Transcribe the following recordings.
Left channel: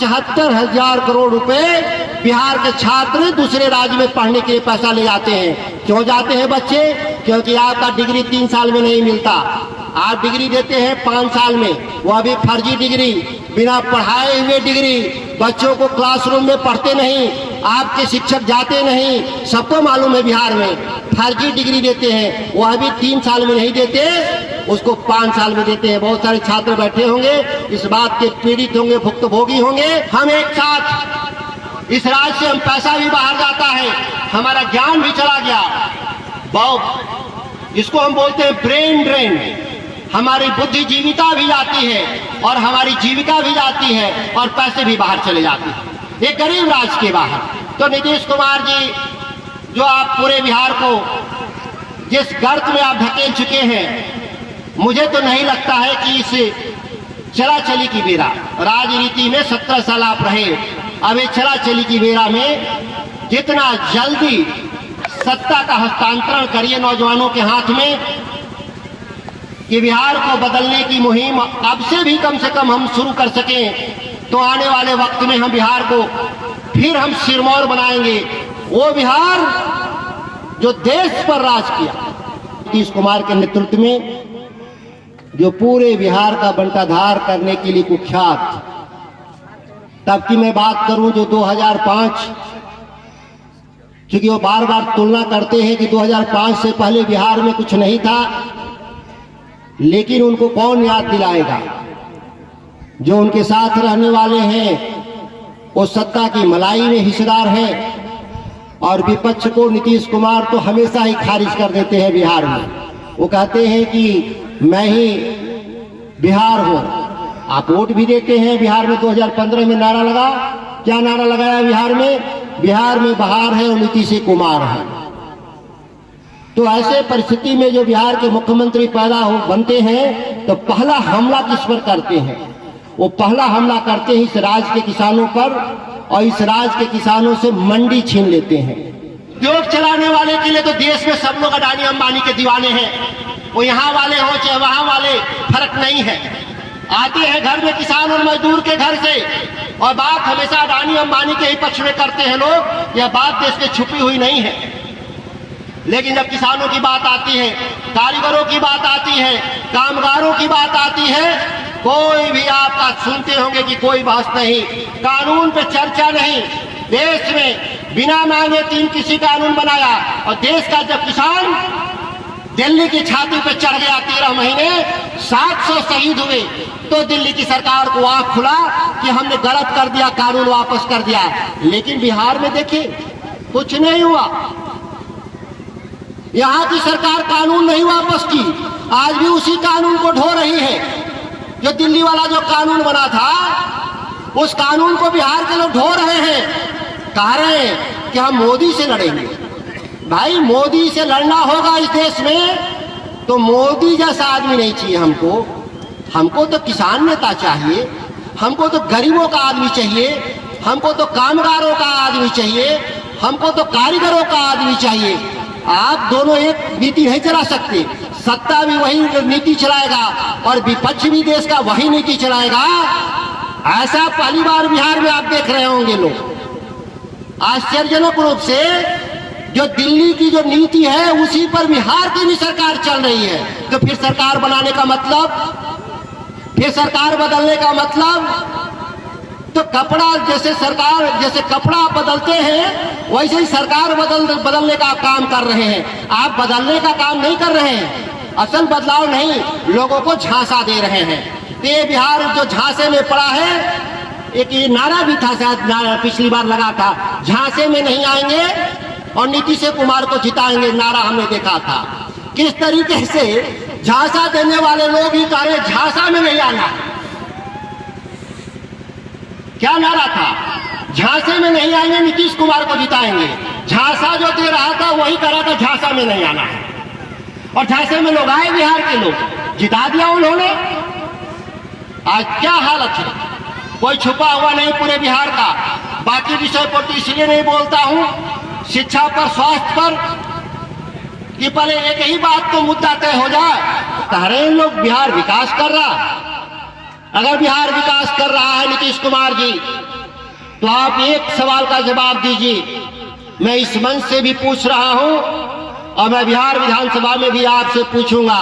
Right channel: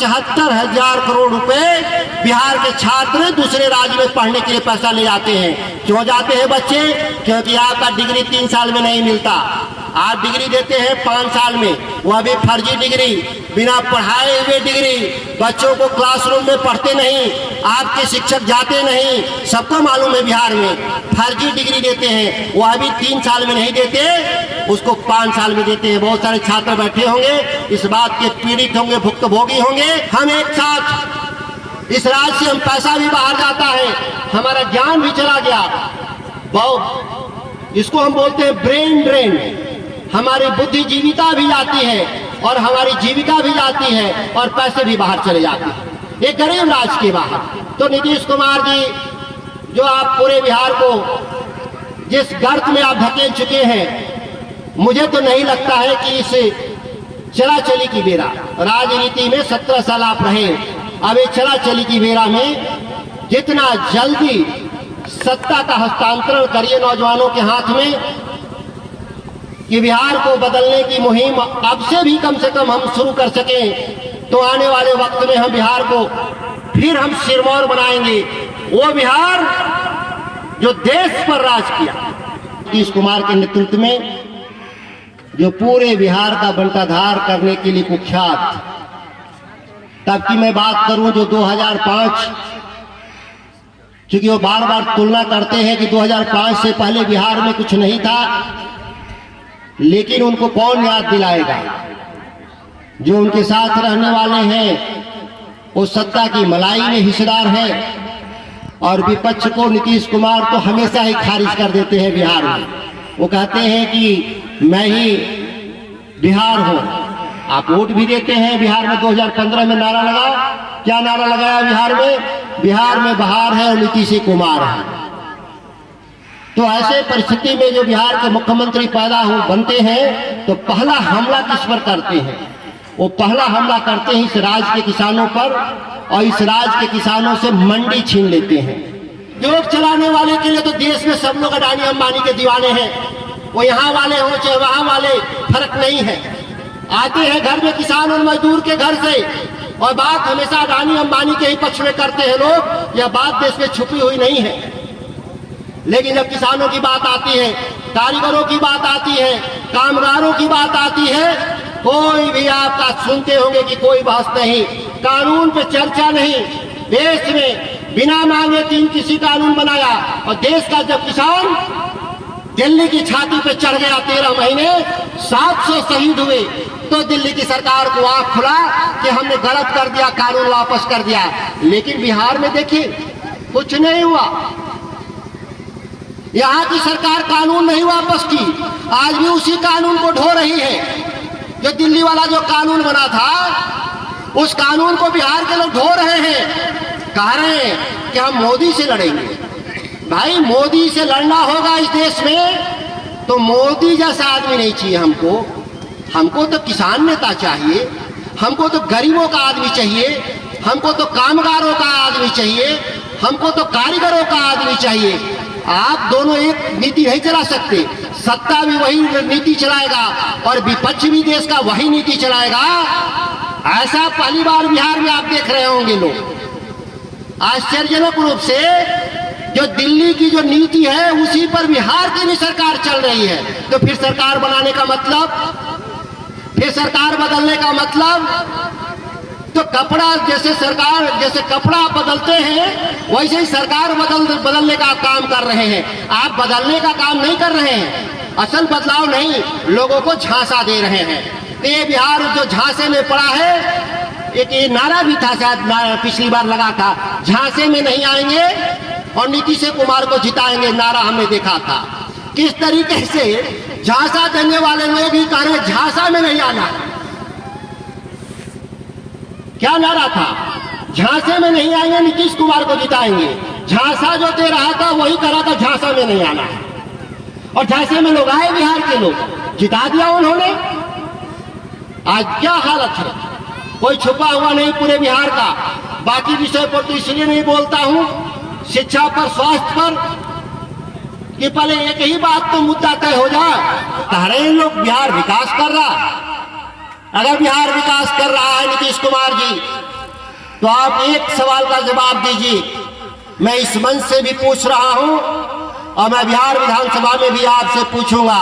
74,000 करोड़ रुपए बिहार के छात्र दूसरे राज्य में पढ़ने के लिए पैसा ले जाते हैं। क्यों जाते हैं बच्चे? क्योंकि आपका डिग्री 3 साल में नहीं मिलता। आप डिग्री देते हैं 5 साल में, वह भी फर्जी डिग्री, बिना पढ़ाए हुए डिग्री। बच्चों को क्लासरूम में पढ़ते नहीं, आपके शिक्षक जाते नहीं। सबको मालूम है बिहार में फर्जी डिग्री देते हैं, वह भी 3 साल में नहीं देते, उसको 5 साल में देते हैं। बहुत सारे छात्र बैठे होंगे, इस बात के पीड़ित होंगे, भुक्तभोगी होंगे। हम एक साथ इस राज्य से हम पैसा भी बाहर जाता है, हमारा ज्ञान भी चला गया। बहुत इसको हम बोलते हैं ब्रेन ड्रेन। हमारी बुद्धिजीविता भी जाती है और हमारी जीविका भी जाती है और पैसे भी बाहर चले जाते हैं एक गरीब राज्य के बाहर। तो नीतीश कुमार जी, जो आप पूरे बिहार को जिस गर्त में आप धकेल चुके हैं, मुझे तो नहीं लगता है कि इस चला चली की बेरा, राजनीति में 17 साल आप रहे, अब ये चला चली की बेरा में जितना जल्दी सत्ता का हस्तांतरण करिए नौजवानों के हाथ में, कि बिहार को बदलने की मुहिम अब से भी कम से कम हम शुरू कर सकें, तो आने वाले वक्त में हम बिहार को फिर हम सिरमौर बनाएंगे। वो बिहार जो देश पर राज किया नीतीश कुमार के नेतृत्व में, जो पूरे बिहार का बंटाधार करने के लिए कुख्यात। तब की मैं बात करूं जो 2005, क्योंकि वो बार बार तुलना करते हैं कि 2005 से पहले बिहार में कुछ नहीं था, लेकिन उनको कौन याद दिलाएगा? जो उनके साथ रहने वाले हैं वो सत्ता की मलाई में हिस्सेदार है, और विपक्ष को नीतीश कुमार तो हमेशा ही खारिज कर देते हैं बिहार में। वो कहते हैं कि मैं ही बिहार हूं। आप वोट भी देते हैं बिहार में। 2015 में नारा लगा, क्या नारा लगाया बिहार में? बिहार में बहार है और नीतीश कुमार है। तो ऐसे परिस्थिति में जो बिहार के मुख्यमंत्री पैदा हो बनते हैं, तो पहला हमला किस पर करते हैं? वो पहला हमला करते हैं इस राज्य के किसानों पर, और इस राज्य के किसानों से मंडी छीन लेते हैं। जोक चलाने वाले के लिए तो देश में सब लोग अडानी अंबानी के दीवाने हैं। वो यहाँ वाले हो चाहे वहां वाले, फर्क नहीं है। आते हैं घर में किसान और मजदूर के घर से, और बात हमेशा अडानी अंबानी के ही पक्ष में करते हैं लोग। यह बात देश में छुपी हुई नहीं है। लेकिन जब किसानों की बात आती है, कारीगरों की बात आती है, कामगारों की बात आती है, कोई भी आपका सुनते होंगे कि कोई बहस नहीं, कानून पे चर्चा नहीं। देश में बिना मांगे 3 कृषि कानून बनाया, और देश का जब किसान दिल्ली की छाती पे चढ़ गया, 13 महीने 700 शहीद हुए, तो दिल्ली की सरकार को आंख खुला कि हमने गलत कर दिया, कानून वापस कर दिया। लेकिन बिहार में देखिए कुछ नहीं हुआ। यहाँ की सरकार कानून नहीं वापस की, आज भी उसी कानून को ढो रही है। जो दिल्ली वाला जो कानून बना था, उस कानून को बिहार के लोग ढो रहे हैं। कह रहे हैं कि हम मोदी से लड़ेंगे। भाई, मोदी से लड़ना होगा इस देश में तो मोदी जैसा आदमी नहीं चाहिए हमको। हमको तो किसान नेता चाहिए, हमको तो गरीबों का आदमी चाहिए, हमको तो कामगारों का आदमी चाहिए, हमको तो कारीगरों का आदमी चाहिए। आप दोनों एक नीति नहीं चला सकते। सत्ता भी वही नीति चलाएगा और विपक्ष भी देश का वही नीति चलाएगा। ऐसा पहली बार बिहार में आप देख रहे होंगे लोग। आश्चर्यजनक रूप से जो दिल्ली की जो नीति है, उसी पर बिहार की भी सरकार चल रही है। तो फिर सरकार बनाने का मतलब, फिर सरकार बदलने का मतलब, तो कपड़ा जैसे सरकार जैसे कपड़ा बदलते हैं, वैसे ही सरकार बदलने का काम कर रहे हैं। आप बदलने का काम नहीं कर रहे हैं, असल बदलाव नहीं, लोगों को झांसा दे रहे हैं। तो ये बिहार जो झांसे में पड़ा है, एक ये नारा भी था, शायद नारा पिछली बार लगा था, झांसे में नहीं आएंगे और नीतीश कुमार को जिताएंगे, नारा हमने देखा था। किस तरीके से झांसा देने वाले लोग ही कह रहे झांसा में नहीं आना। क्या नारा था? झांसे में नहीं आएंगे, नीतीश कुमार को जिताएंगे। झांसा जो दे रहा था वही करा था, झांसा में नहीं आना। और झांसे में लोग आए, बिहार के लोग जिता दिया उन्होंने। आज क्या हालत है, कोई छुपा हुआ नहीं पूरे बिहार का। बाकी विषय पर तो इसलिए नहीं बोलता हूं, शिक्षा पर, स्वास्थ्य पर, कि पहले एक ही बात तो मुद्दा तय हो जाए। सारे लोग बिहार विकास कर रहा। अगर बिहार विकास कर रहा है नीतीश कुमार जी, तो आप एक सवाल का जवाब दीजिए। मैं इस मंच से भी पूछ रहा हूं और मैं बिहार विधानसभा में भी आपसे पूछूंगा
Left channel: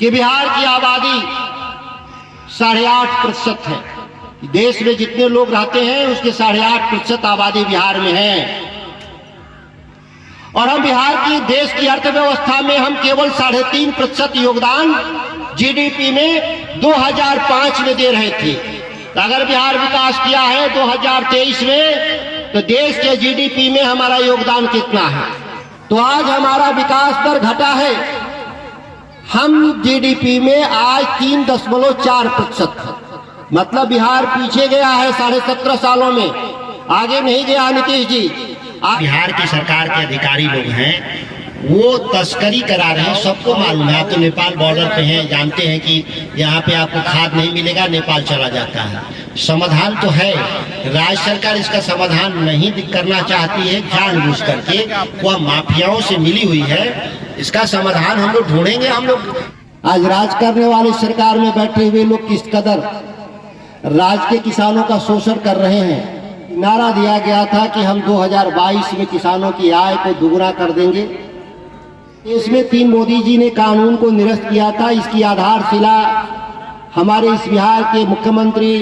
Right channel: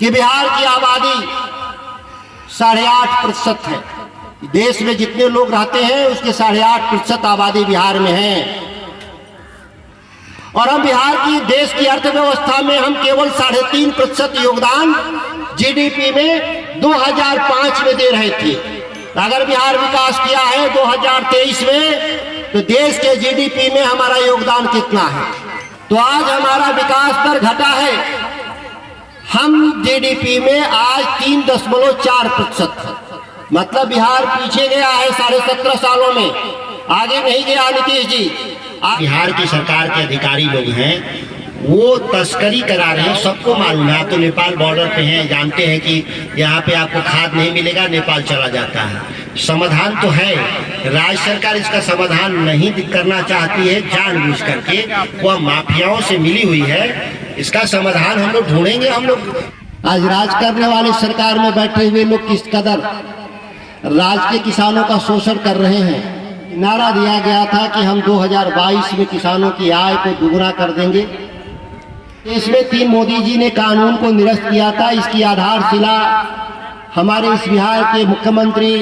कि बिहार की आबादी 8.5% है। देश में जितने लोग रहते हैं उसके 8.5% आबादी बिहार में है, और हम बिहार की देश की अर्थव्यवस्था में हम केवल 3.5% योगदान जीडीपी में 2005 में दे रहे थे। अगर बिहार विकास किया है 2023 में, तो देश के जीडीपी में हमारा योगदान कितना है? तो आज हमारा विकास दर घटा है। हम जीडीपी में आज 3.4%, मतलब बिहार पीछे गया है 17.5 सालों में, आगे नहीं गया। नीतीश जी, बिहार की सरकार के अधिकारी लोग हैं वो तस्करी करा रहे हैं, सबको मालूम है। आप तो नेपाल बॉर्डर पे हैं, जानते हैं कि यहाँ पे आपको खाद नहीं मिलेगा, नेपाल चला जाता है। समाधान तो है, राज्य सरकार इसका समाधान नहीं करना चाहती है, जानबूझ करके वह माफियाओं से मिली हुई है। इसका समाधान हम लोग ढूंढेंगे। हम लोग आज राज करने वाली सरकार में बैठे हुए लोग किस कदर राज्य के किसानों का शोषण कर रहे हैं। नारा दिया गया था कि हम 2022 में किसानों की आय को दुगुना कर देंगे। देश में 3 मोदी जी ने कानून को निरस्त किया था। इसकी आधारशिला हमारे इस बिहार के मुख्यमंत्री,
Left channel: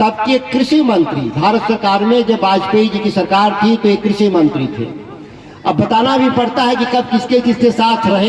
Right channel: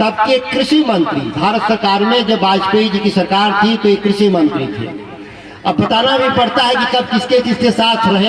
तब के कृषि मंत्री, भारत सरकार में जब वाजपेयी जी की सरकार थी तो ये कृषि मंत्री थे। अब बताना भी पड़ता है कि कब किसके किसके साथ रहे।